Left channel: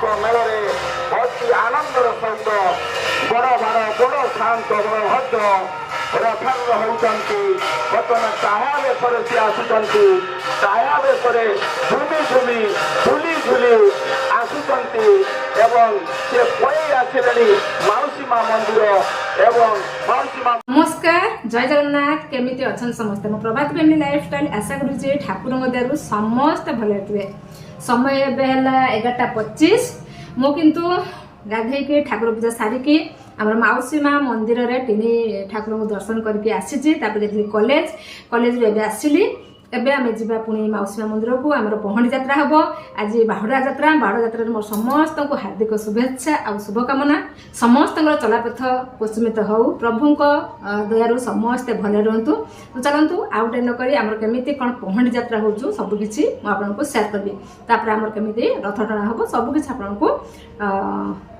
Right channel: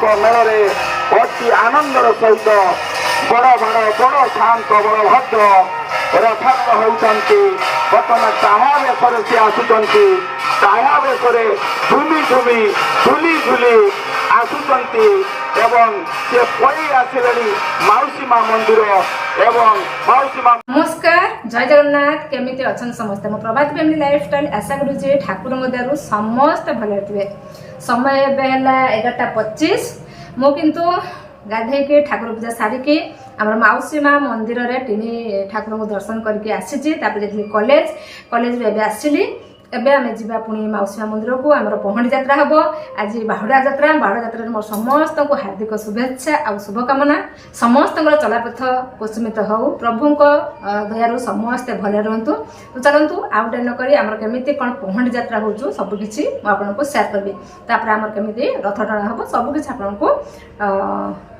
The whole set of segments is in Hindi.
ମେଳରେ ଅତି ଆନନ୍ଦର ସହିତ ବଡ଼ ଶାନ୍ତ ବଳଭଦ୍ର ରଥାରୂଢ଼ ହେଉଛନ୍ତି। ବର୍ତ୍ତମାନ ତାହା ବେଶରେ ସେ ଆସୁଛନ୍ତି। ତାହା ବେଶରେ ଝୁଲି ଆସୁଛନ୍ତି ଏବଂ ସେ ପଳେଇ ଆସିଲେଣି ମାଉସୀ ମା ମନ୍ଦିର ଏବଂ ମାଉସୀ ମା। नमस्कार जय जगन्नाथ केमिति अछन समस्त मो प्रभात फैमिली लाइफस्टाइल आशा करू जे ठाकुर दयारु समस्त भले थे। समय एबे हला 11:25 मो किंतु गाधे के ठाकुर पूजा सारिके आमर माउसी मा मंदिर रे टिनी ठाकुर को दर्शन करके आसीची। तापर जेथि कॉलेज रे एबे आसीली। एबे आमे जिबा पुणी माउसी मा मंदिर को आमर पहंडी यात्रा हबो। आज बाहुडा यात्रा रे मोर समस्त को हार्दिक शुभेच्छा आ शुभकामना। समस्त चलापथ कुसुमित हौ प्रभु दयारु समस्त भले रहतु। तो चलतु आउट न करी आमर केमिति कोन पहंडी यात्रा होजु सब किछि म आपन को शेयर करबी। तापर आमर केमिति रथ टଣା हबो सब किछि आपन को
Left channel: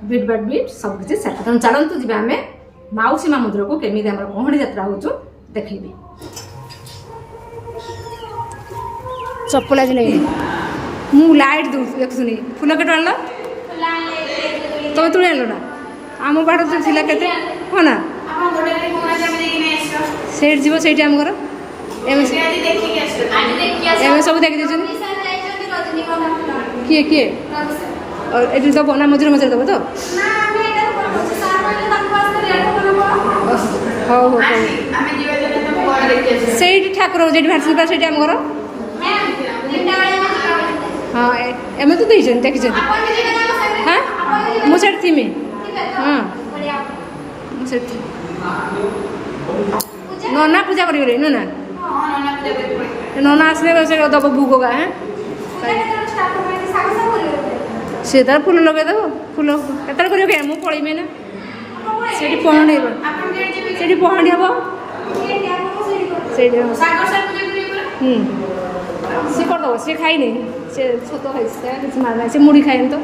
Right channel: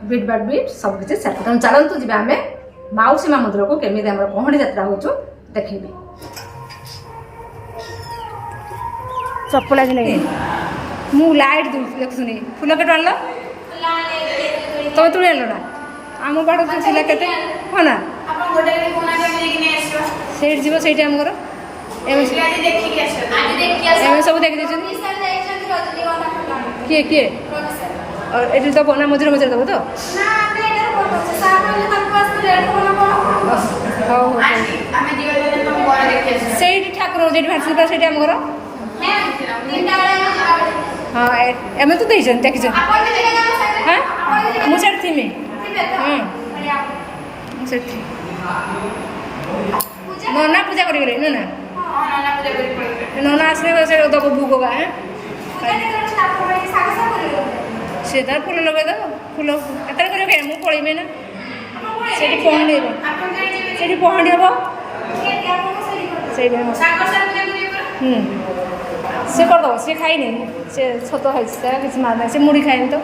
बीट बाय बीट सब किछि शेयर करतु। चलतु जिबा आमे माउसी मा मंदिर को केमिति आमर पहंडी यात्रा होजु देखैबी। चप्पल आज लगे मु लाइट देखुनी फुल के आनल तुम तुले आनल ना आम बाड़ जो थिला केते हाँ ना सेठ जीव सेठी आम घर एम सब देखी दे किए किए ये दब ना मझे मझे दब तो हौ हौ सेठी ठाकुर जेठी भाषी सेठी आम घर हाँ एम तो देखी हाँ मुझे थी हाँ मुझे नना पूजा करेंगे नना नना आसने दब भोग गा सी तार फुल लगे देव फुल केत कर मुझे पड़े ना से पहंडी पहंडी हम से करदेव सी खाइनि से छत खाई किसी मार ना से मुड़ी खाए तो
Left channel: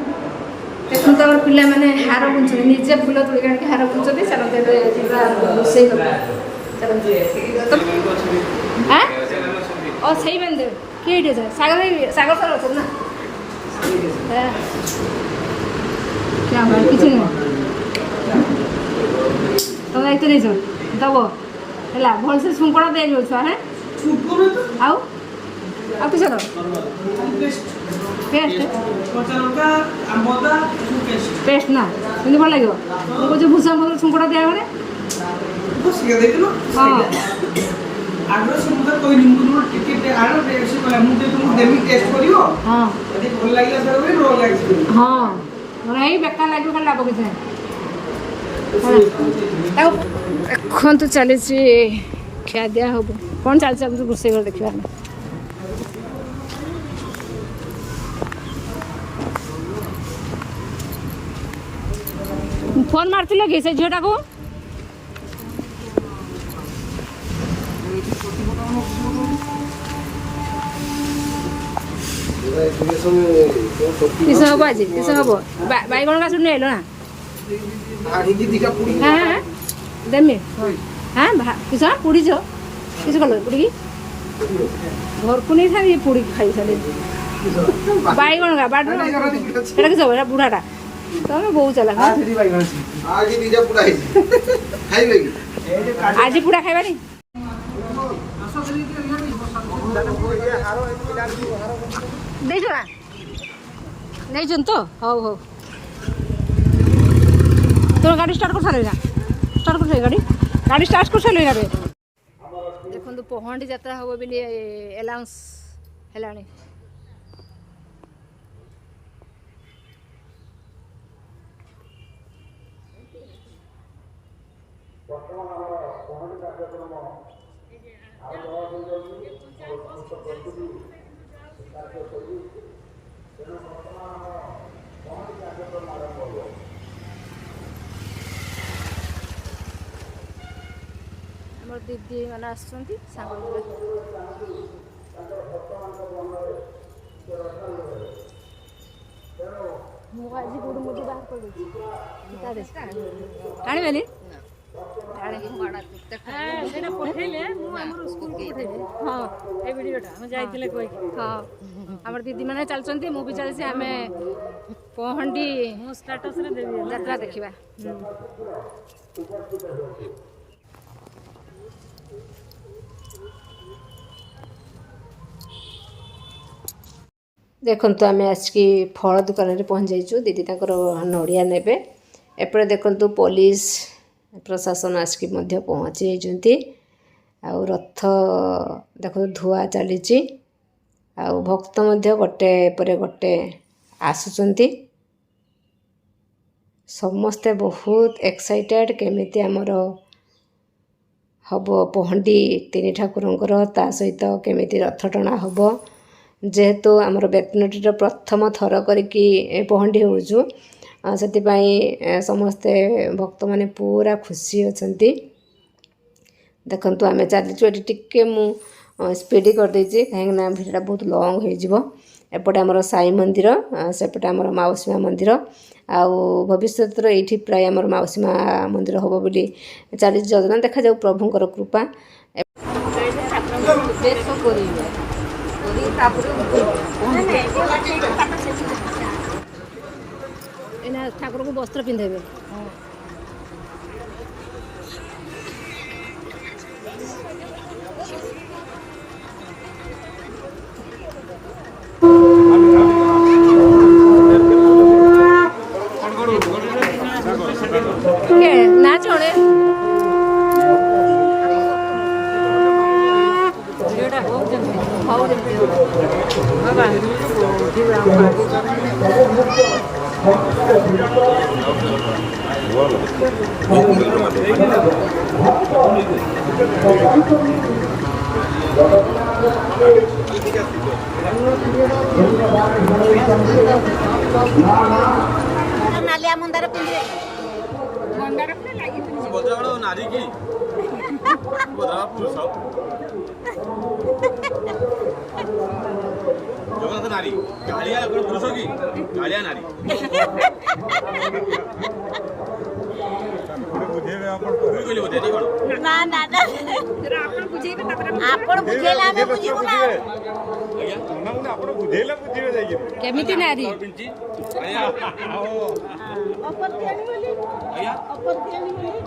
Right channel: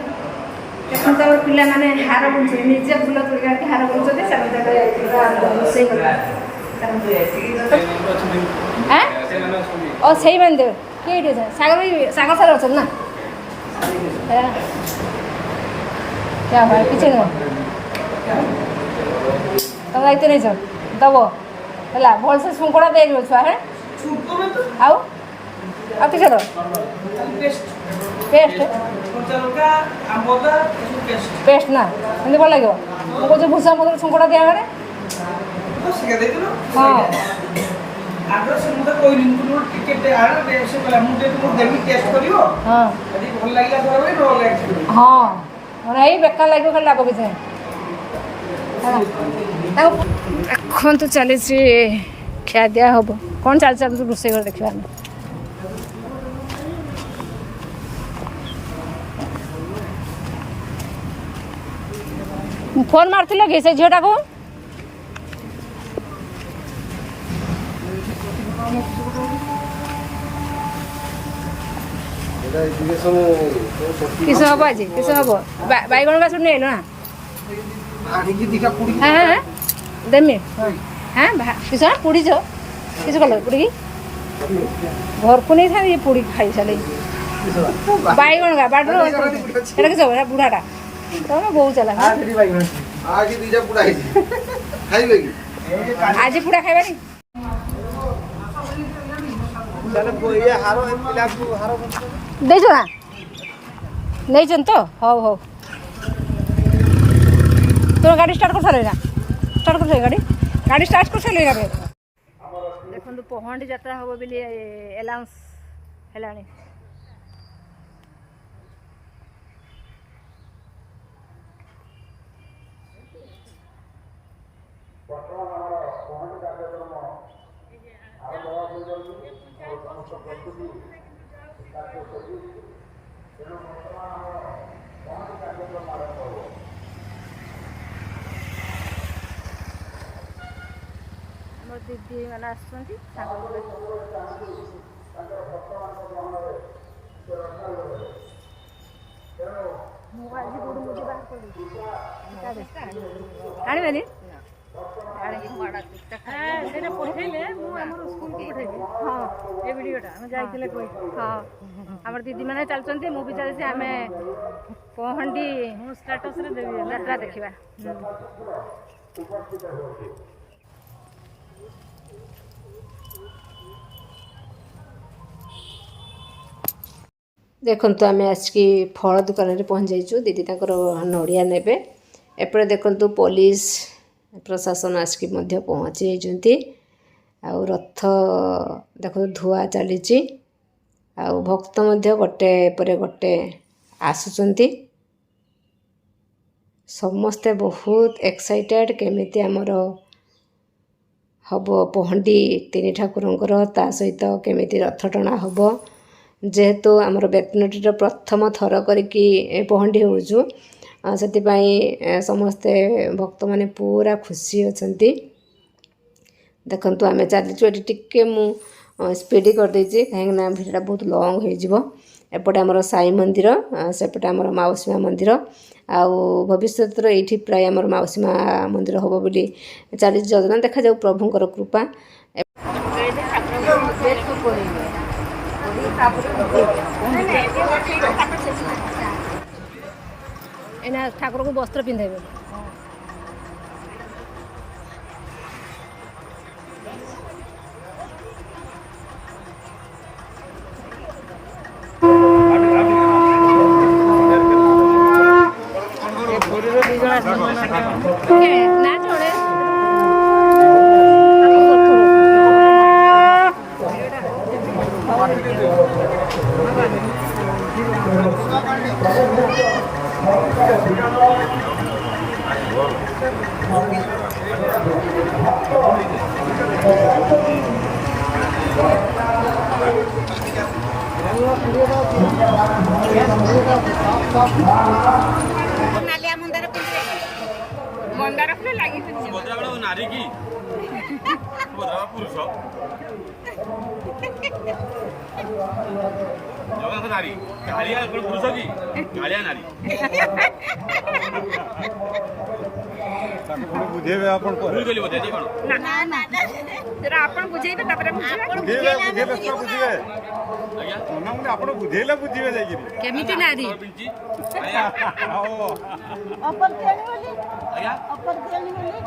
देखो तो पिला माने हार बुझुनी निजे फुल तोड़ के हार बुझुते चलते रोसे हाँ और सही मान दे किए सागर सागर सार अच्छा ना क्या हुआ किसी नहीं तुम दायित्व नहीं दब है भल से शुंकड़ा दे छुआ है आउ किस पेस्ट पेस्ट ना एमती भल लगे मुझे भूसा मत छुंकड़ा दिया मैंने हाँ हाँ मैंने यही बेकार लगे खाली लाभ किसी एखन तो चली खिया दिया हम कौन चलती रोसे घर देखा फोन मारती कि से झीटा को किस हम आज किस हम बैगण का सुन ना हाँ हाँ देमी हाँ किस पुड़ी छ किस कलर पुड़ी घर को नहीं था ये पुड़ी खाई सारे बैगण का बाड़ किस बुढ़ाटा तुम बहुत चला आज पुड़ा खाइबा नी देखो ना नहीं तो हौ हौ तो गाड़ी स्टार्ट कर सारे ना स्टार्ट कर गाड़ी स्टार्ट कर सारे देखो पहंडी यात्रा हम बोली एलाउंस है आमर दीदी मैंने आसुँच मुझे बाहर पड़ी आने ସେଇଟା ପଠେଇଲେ ମୁଁ ଆମର ସ୍କୁଲକୁ ପଠେଇବି। ହଁ ଏ ଭିଡ଼ିଓଟା ଆମେ ଯାଇଥିଲେ କହି। ହଁ ଆମର ଦିଦି ମାନେ ଚାଲୁଛନ୍ତି, ମୁଁ ବି ଚାଲିଛି। ଆମେ ପହଣ୍ଡି ମୁଁ ଷ୍ଟାଟସରେ ଦେବି ଯାତ୍ରା ଦେଖିବା। ଦେଖନ୍ତୁ ଆମେ ଆସିକି ଫଳ ଦୋକାନରେ ପହଞ୍ଚି ଯାଇଛୁ। ଦିଦି ତାଙ୍କର ନଡ଼ିଆ ନେବେ। ଏପଟେ ଦେଖନ୍ତୁ ପୋଲିସ ପ୍ରଶାସନ ଆସିକି ମଧ୍ୟ ପହଞ୍ଚି ଯାଇଛନ୍ତି। ଆଉ ରଥ ଦେଖନ୍ତୁ ଧୁଆ ଚାଲିଛି। ଆଉ ଭକ୍ତ ମଧ୍ୟ ଗୋଟେ ପରେ ଗୋଟେ ଆସୁଛନ୍ତି। ସମସ୍ତେ ବହୁତ ଏକ୍ସାଇଟେଡ଼ କେମିତି ଆମର ହେବ ପହଣ୍ଡି ତିନି ଠାକୁରଙ୍କର, ତା ସହିତ କେମିତି ରଥ ଟଣା ହେବ। ଯେହେତୁ ଆମର ବେତନଟିର ପ୍ରଥମ ଥର କରିକି ପହଣ୍ଡି ହେଉଛୁ, ସେଥିପାଇଁ ସମସ୍ତେ ଭକ୍ତମାନେ ପୁରା ଖୁସି ଅଛନ୍ତି। ଦେଖନ୍ତୁ ଆମେ ଚାଲିଛୁ। ଏଠି ଟିକେ ମୁଁ ସ୍ପିଡ଼ କରିଦେଇଛି କାହିଁକିନା ଭିଡ଼ିଓଟା ବହୁତ ଲଙ୍ଗ୍ ହୋଇଯିବ। ଏପଟେ ଆମର ସାଇ ମନ୍ଦିର, ସେପଟେ ଆମର ମାଉସୀ ମା ମନ୍ଦିର। ଆଉ ଭବିଷ୍ୟତରେ ଏଇଠି ପ୍ରାୟ ଆମର ମାଉସୀ ମା ମନ୍ଦିର ହେବ ବୋଲି ଚାଲିଛି ଯୋଜନା। ଦେଖାଯାଉ ପ୍ରଭୁଙ୍କର କୃପା। ଏଇନା ଠାକୁରଙ୍କୁ ବସ୍ତ୍ର ପିନ୍ଧେଇବେ। ନା ଜଣେ ହଉ नालिया मंदार पिंजरे मंदार पे लागी पिंजरे बोधरा नारी की बोधरा पुरुष जगन्नाथ नारी कालिया पुरुष की कालिया नारी बुझेबे आपण भूल गेली बोधे नाही कोण ना ना ना जरा आपण बुझेबे तापर आपण बुझेला ଆମେ ବୁଝିବୁ ନା ଆଜ୍ଞା ମାନେ ଆପଣ ବୁଝେଇଲା ବୁଝିବେ ଯାଇକି କେମିତି ନାରୀ ଆଜ୍ଞା अपन केनी बोली ଆଜ୍ଞା अपन केनी बोली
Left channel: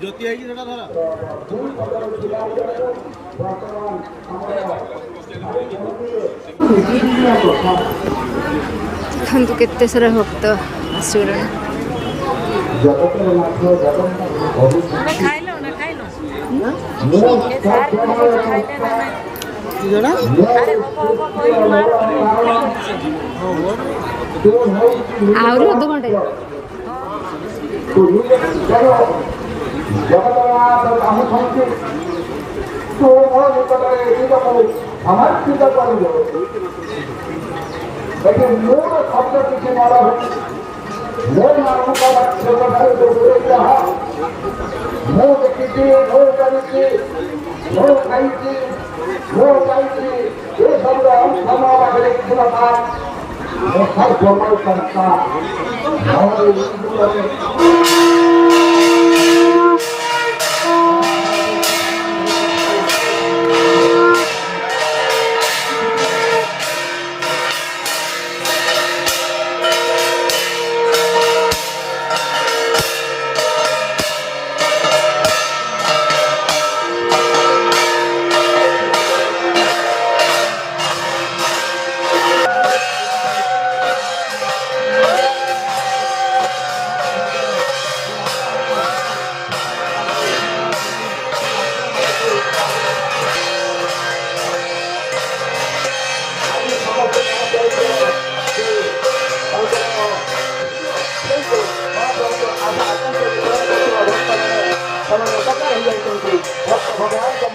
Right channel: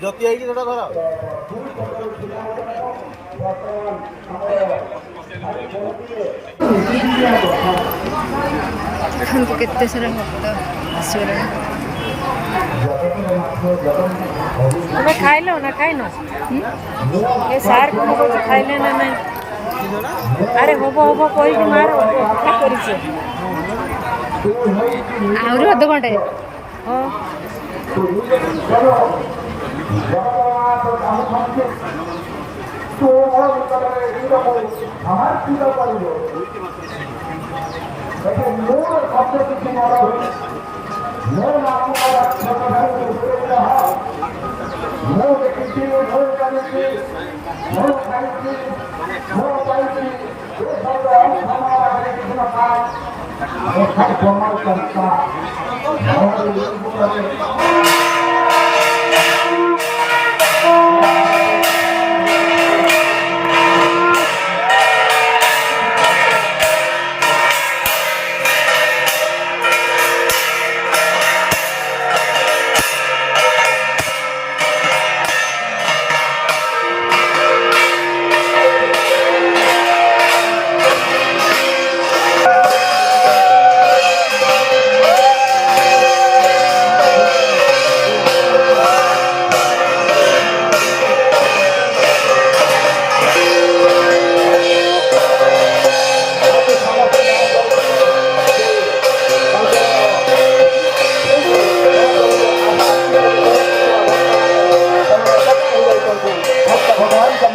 ज्योति आई कि धरा ଦେଖନ୍ତୁ କେତେ ସାରା ଭକ୍ତ ଆସିଗଲେଣି। ତମେ ଖାଇଲ ନା ଖାଇନ? ଏ ସାର୍ କଣ କହୁଛି ଖାଇଲେ ନା ନାହିଁ? ଆରେ ହବ ହବ କହିକି ମାର କରିଛି। ଆହୁରି ଅଧଘଣ୍ଟେ।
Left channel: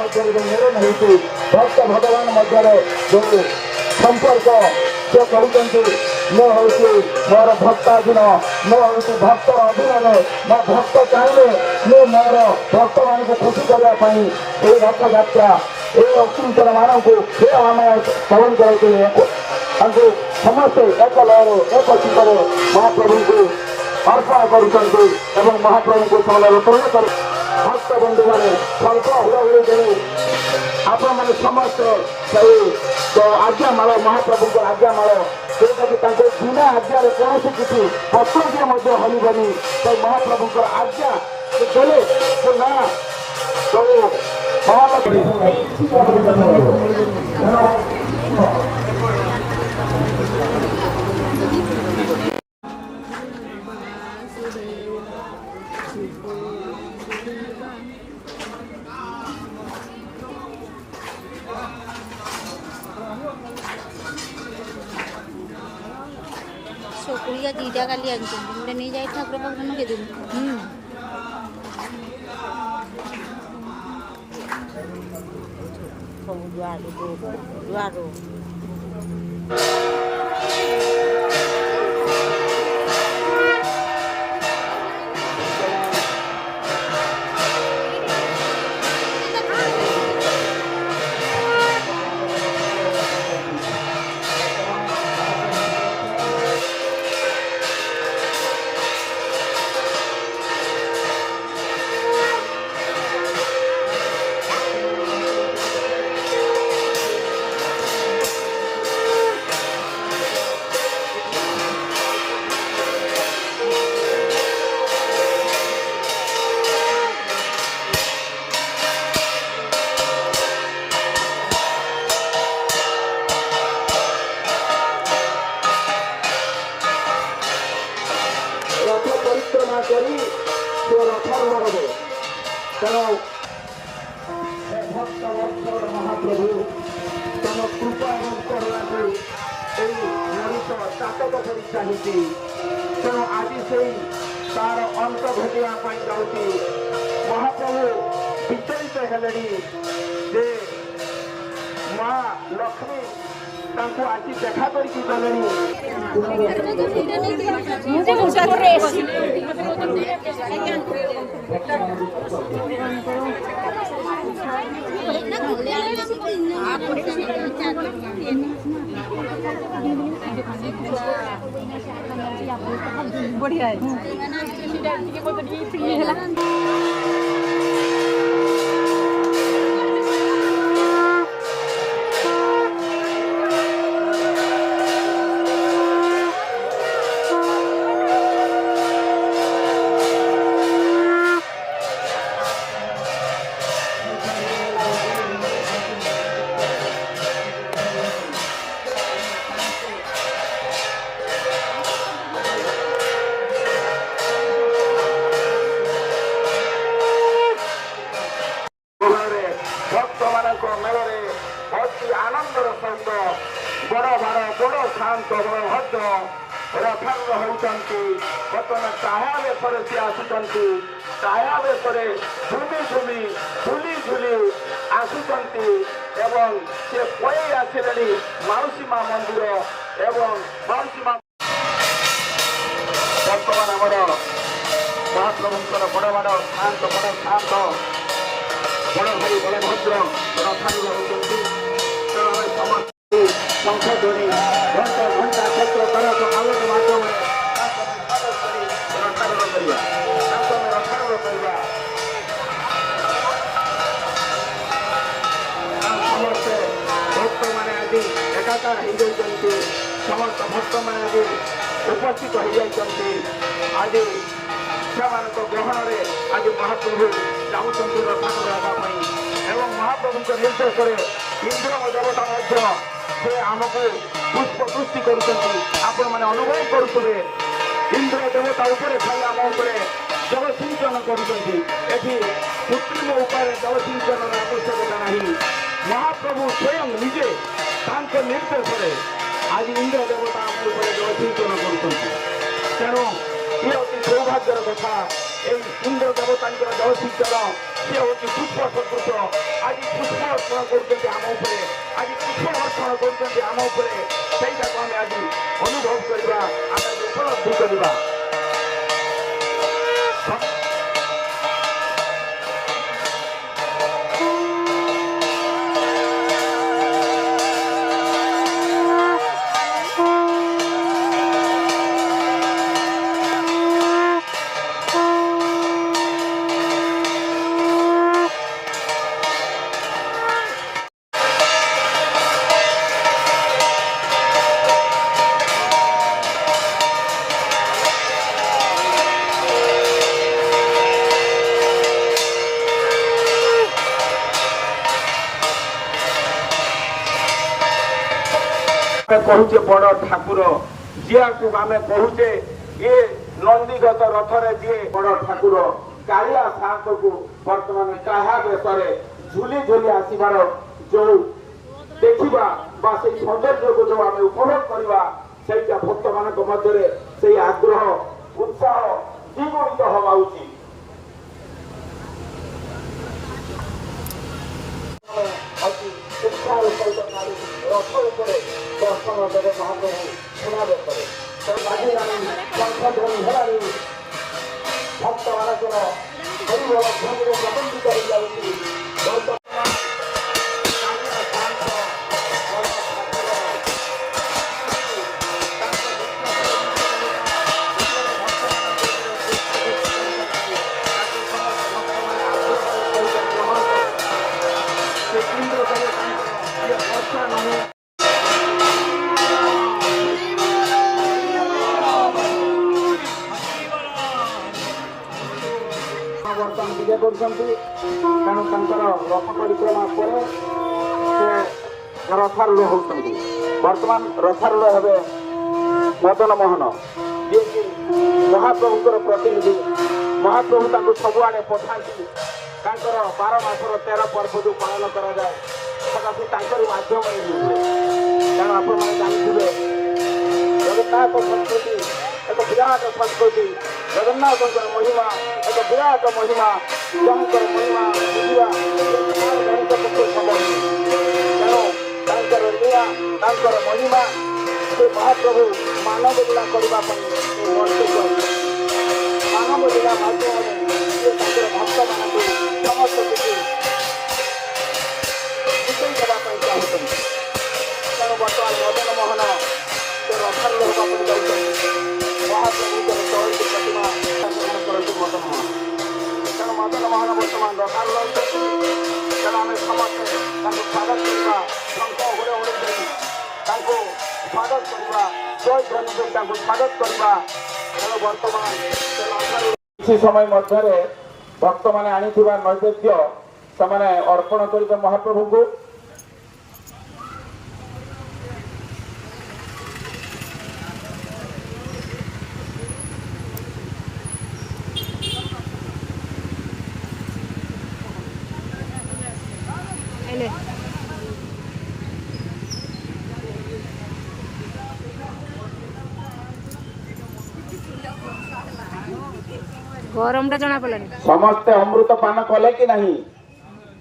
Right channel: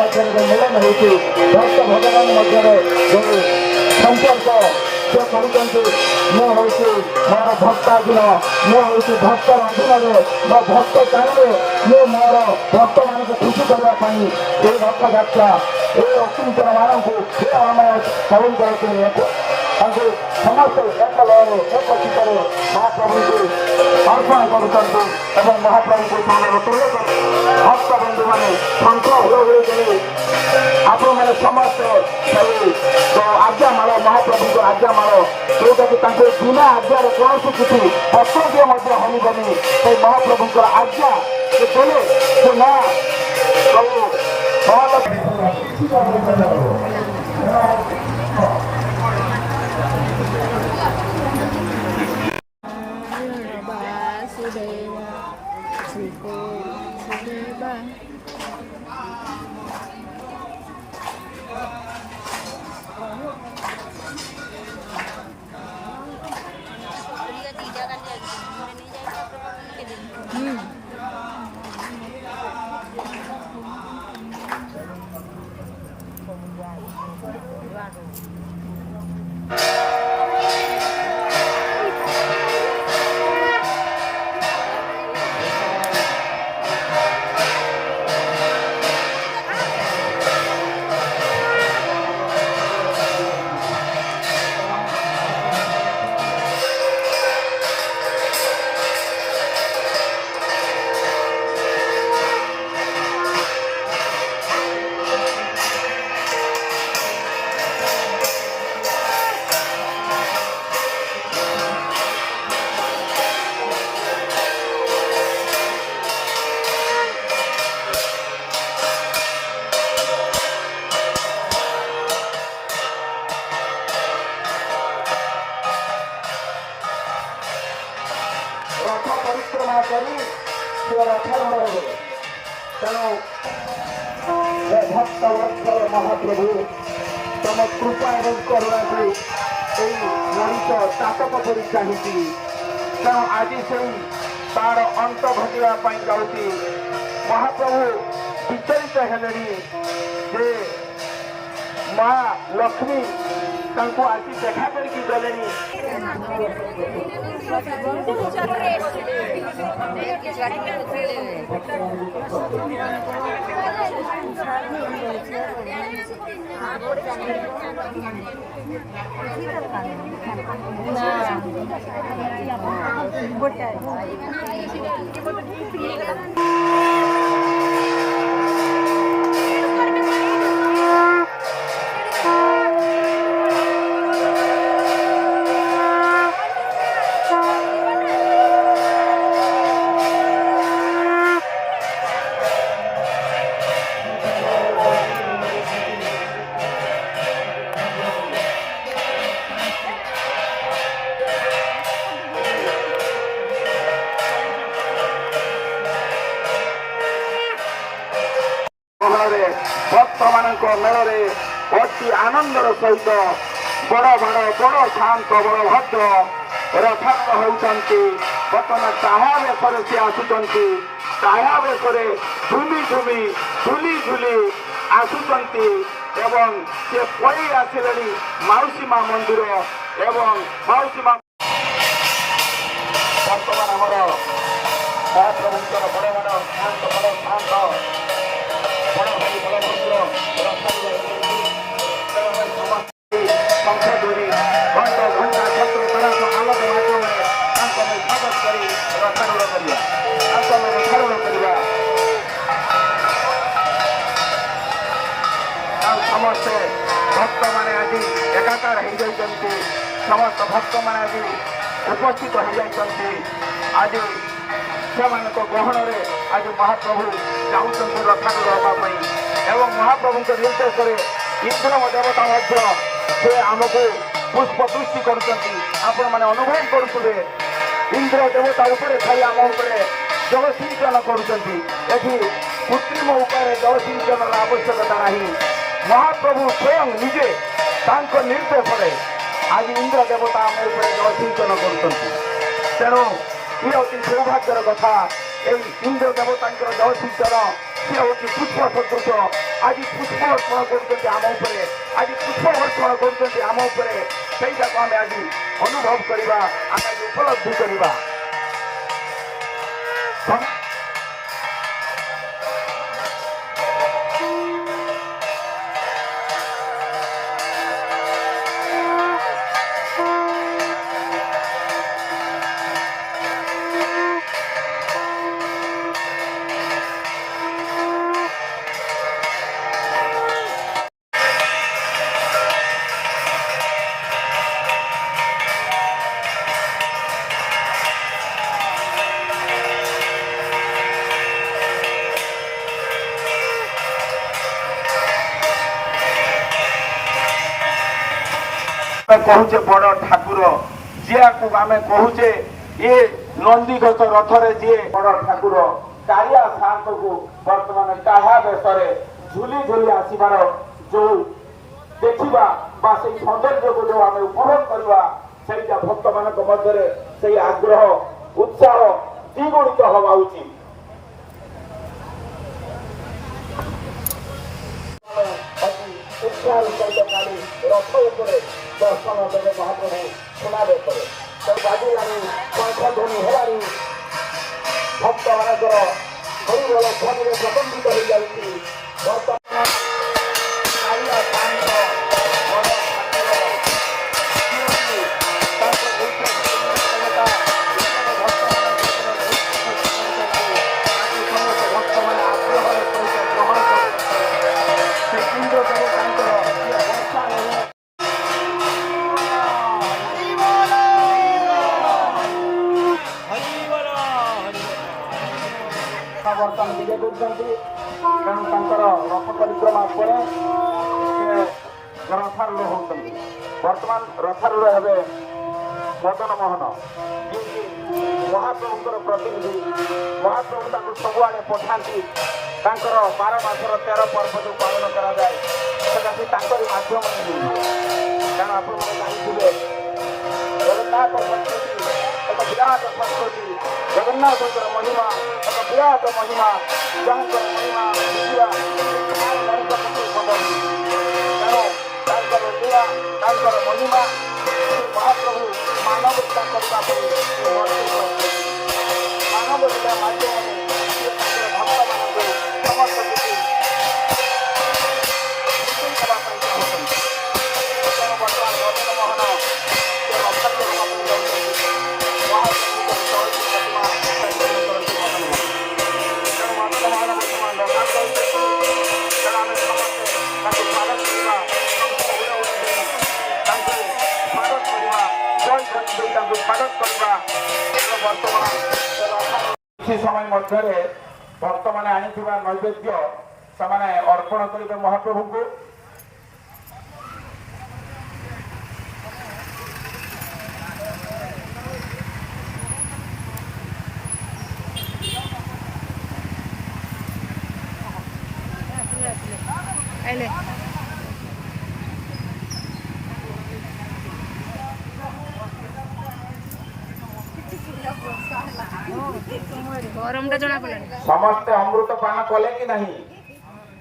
ମଧ୍ୟରେ ମିଳନ ହେଉଛି ଭକ୍ତ ଭଗବାନ ମଧ୍ୟରେ ଯେଉଁ ସମ୍ପର୍କ ସେ କହୁଛନ୍ତି ମୁଁ ହେଉଛି ମୋର ଭକ୍ତାଧୀନ, ମୁଁ ହେଉଛି ଭକ୍ତର ଅଧୀନରେ, ମୋ ଭକ୍ତ ଚାହିଁଲେ ମୁଁ ମୋର ଭକ୍ତମାନଙ୍କୁ ଖୁସି କରିବା ପାଇଁ ଏହି ରଥଯାତ୍ରା ଏହି ଅକୀର୍ତ୍ତନ ମାନଙ୍କୁ ସେ ଆମେ ପାଳନ କରାଇଛୁ। ତାଙ୍କୁ ସମସ୍ତେ ଏକ ଲୟରେ ଏକ ଚିନ୍ତାରେ ମହାପ୍ରଭୁଙ୍କୁ ଅର୍ପଣ କରୁଛନ୍ତି ଏବଂ ମହାପ୍ରଭୁଙ୍କୁ ସେମାନେ ପୂର୍ଣ୍ଣ କରି ଭକ୍ତବନ୍ଧୁମାନେ ଶଙ୍ଖ ହୁଳହୁଳି ଦେଇ ଆପଣମାନେ ସମସ୍ତେ ସେଇ ଆଜ୍ଞାମାଳ ମହାପ୍ରଭୁଙ୍କର ଆଜ୍ଞାମାଳ ଯେଉଁଟାକି ତାଙ୍କୁ ବିନା ଆଜ୍ଞାରେ କୌଣସି କିଛି ଅସଂଖ୍ୟ ମଧ୍ୟ ହଲିବନି। ସେଇ ମହାପ୍ରଭୁଙ୍କର ଆଜ୍ଞା ସେ ଦେଲେ ସେ ନା ସବୁ ସୁପ୍ରିୟା ଦିଟା କାଲି ଆଣିଛନ୍ତି ଗୋଟେ ନେଇ ଯାଇ ଠାକୁର ପାଖକୁ କେଦିନ ରଥ ପରିକ୍ରମା କରି ସେ ରଥାରୂଢ଼ ହେବେ। ତେଣୁ ଭକ୍ତ ବତ୍ସଳ ମହାପ୍ରଭୁ ତମ କୃପା ଏବଂ କରୁଣାକୁ ଏଇ ମଣିଷ ତାପକ ପରି ଚାହିଁଛି। ତେଣୁ ଆଜି ସେଇ ତାର ଅନ୍ତ ଘଟିବା ପାଇଁ ଯାଉଛି। ମହାପ୍ରଭୁ ବିଚଳିତ ହେଲେଣି ଯେ ମା ଲକ୍ଷ୍ମୀ ତାଙ୍କୁ ଆଜି ଦେଖା କରିକି ଗଲେଣି। ବଢିଆ ଭକ୍ତମାନଙ୍କ ମେଳରେ ଅତି ଆନନ୍ଦର ସହିତ ବଡ଼ ଶାନ୍ତ ବଳଭଦ୍ର ରଥାରୂଢ଼ ହେଉଛନ୍ତି। ବର୍ତ୍ତମାନ ତାହା ବେଶରେ ସେ ଆସୁଛନ୍ତି। ତାହା ବେଶରେ ଝୁଲି ଆସୁଛନ୍ତି ଏବଂ ସେ ପଳେଇ ଆସିଲେଣି ମାଉସୀ ମା ମନ୍ଦିର ଏବଂ ମାଉସୀ ମା ବର୍ତ୍ତମାନ ଆମର ମହାପ୍ରଭୁଙ୍କର ବଡ଼ ଶାନ୍ତ ବଡ଼ ଭାଇ ବଳଭଦ୍ର ରଥାରୂଢ଼ ହେଉଛନ୍ତି। ତେଣୁ ସମସ୍ତେ ଶଙ୍ଖ ଧ୍ୱନି ଘଣ୍ଟା କ୍ଷେତ୍ର ତେରସ ଆଲୋକ ମାଧ୍ୟମରେ ତାଙ୍କର ସ୍ୱାଗତ କରି ରଥାରୂଢ଼ କରିବା ସମସ୍ତେ ଭକ୍ତମାନେ ଆଜି ଏକାକାର ହେଇଯାଇଛନ୍ତି। ସମସ୍ତ ଭକ୍ତମାନେ ଆଜି ଉପସ୍ଥିତ ହେଇଯାଇଛନ୍ତି। ଆଜି ସେମାନଙ୍କ ଗହଣରେ ଆଜି ମହାପ୍ରଭୁ ଯାଉଛନ୍ତି ରଥାରୂଢ଼ ହେବା ପାଇଁ ଏବଂ ମହାପ୍ରଭୁଙ୍କ ନିର୍ଦ୍ଦେଶରେ ଇନ୍ଦ୍ର ଦେବତା ମଧ୍ୟ ସେ ଆମକୁ ପୁଷ୍ପବୃଷ୍ଟି କରୁଛନ୍ତି। ଆପଣମାନେ ଅନୁଭବ କରୁଥିବେ ଇନ୍ଦ୍ର ଦେବତା ଉପରେ ଖାଲି ଆମ ଉପରେ ଜଳସିଞ୍ଚନ କରୁଛନ୍ତି। ଏଠି କୃତ୍ରିମ ଉପାୟରେ ଜଳସିଞ୍ଚନର ଆବଶ୍ୟକତା ନାହିଁ। ମହାପ୍ରଭୁ ସ୍ୱୟଂ ନିଜେ ତାଙ୍କ ନିର୍ଦ୍ଦେଶରେ ଆଜି ଇନ୍ଦ୍ର ଦେବତା ଆମ ଉପରେ ଜଳସିଞ୍ଚନ କରୁଛନ୍ତି। ତେଣୁ ସିଏ ଅତି ସୌଭାଗ୍ୟର କଥା। এই ইন্দ্র দেবতাঙ্কর জয়সিঞ্চন সে হচ্ছে পুষ্প সদৃশ। আজ পুষ্প অর্পণ করছেন আম উপরে, আজ পুষ্প অর্পণ করছেন আম উপরে। ସେଇଟାକୁ ଆମେ ଆଜି ଅନୁଭବ କରିବା, ଆମେ ଉପଲବ୍ଧି କରିବା। कहुचे बड़ ठाकुर जिया आम कहुचे ये नंदीघोष रथरे जी बड़ ठाकुर कालिया सात को बर्तमान टाहा बेश झुली झुली आसबार जो देखा से सौंदर्य को जो आम उपभोग करवा से भक्त मान मध्य से आग्रह उत्साह द्विगुणित हवा उचित। उत्साह सहित रथ उपरे दर्शन जगत महाप्रभु सुनावे करे बाजी हेलानी भक्त मानकर हरिबोल ध्वनि प्रबंधित हो जाती वर्तमान कालिया साईंकर बड़ बर्तमान विजय कर रथ परिक्रमा पर रथारूढ़ होती बर्तमान रथारूढ़ हे मदन मोहन जी महाप्रभुर प्रतिनिधि महाप्रभु सबुआड़े पठाती 12 मासर 13 पर्व जो पालन कराए से माध्यम कारण आप जगन्नाथ संस्कृति एक विराट संस्कृति जगन्नाथ महिमा एक विराट महिमा जहाँकर महिमा से महाप्रभु मानव लीला करने मानव लीला माध्यम स्वागत करवा बर्तमान किसी समय मध्य भक्त मैंने आनी नैवेद्य से अर्पण कर महाप्रभु को गरम टा जना पड़ानी समस्ते अमृत पान कले कि नहीं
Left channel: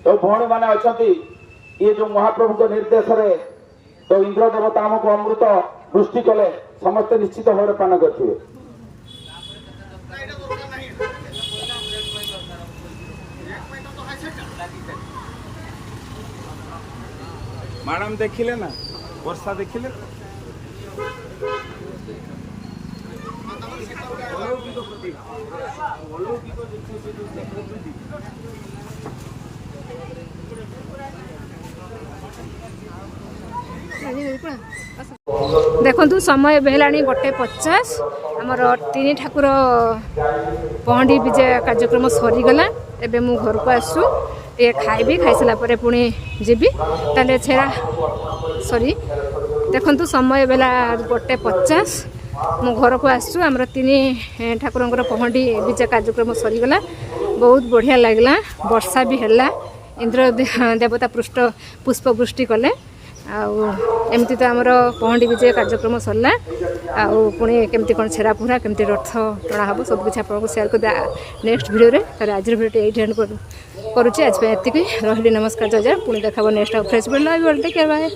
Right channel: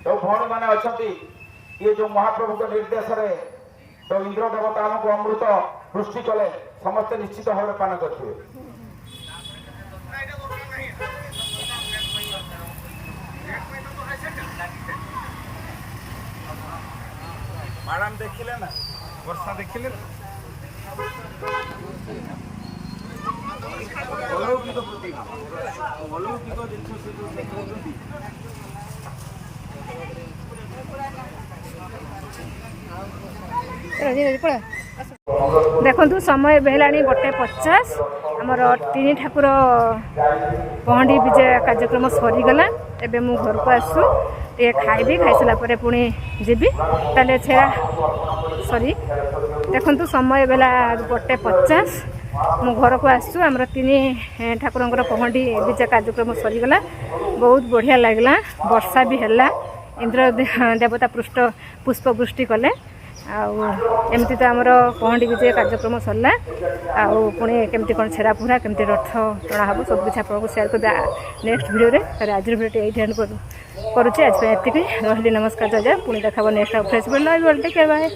तो भौणी मैंने अच्छा ये जो महाप्रभु के निर्देश रे तो इंद्र देवता आमको अमृत वृष्टि कले समस्ते निश्चित भाव पान करते मैडम देखिले ना वर्षा देखिले अलौकिक प्रतिभा अलौकिक देखु समय बेलानी 1:50 आमर 3 ठाकुर पहंडी विजय कार्यक्रम सरीगला एबे मु घर को आसु ये खाइबी खाई सारा पर पुणी जीवी ताले छेड़ा सॉरी देखु समय बेला 1:50 मु घर को आसु आमर 3 ठाकुर पहंडी विजय कार्यक्रम सरीगला बहुत बढ़िया लगला वर्षा भी है इंद्र देवता पृष्ठ पुष्पवृष्टि कले आमती तो आमर पहंडी विजय कार्यक्रम सरला पुणी केमती कौन छेड़ा पुरा केमती रथ टणा हम सब किसी आपको सेयार कर नेक्स्ट वीडियो रे आज वीडियो ये एंड करुच्चे आज एति रही नमस्कार जय जय पुणी देखा next fresh video take care bye.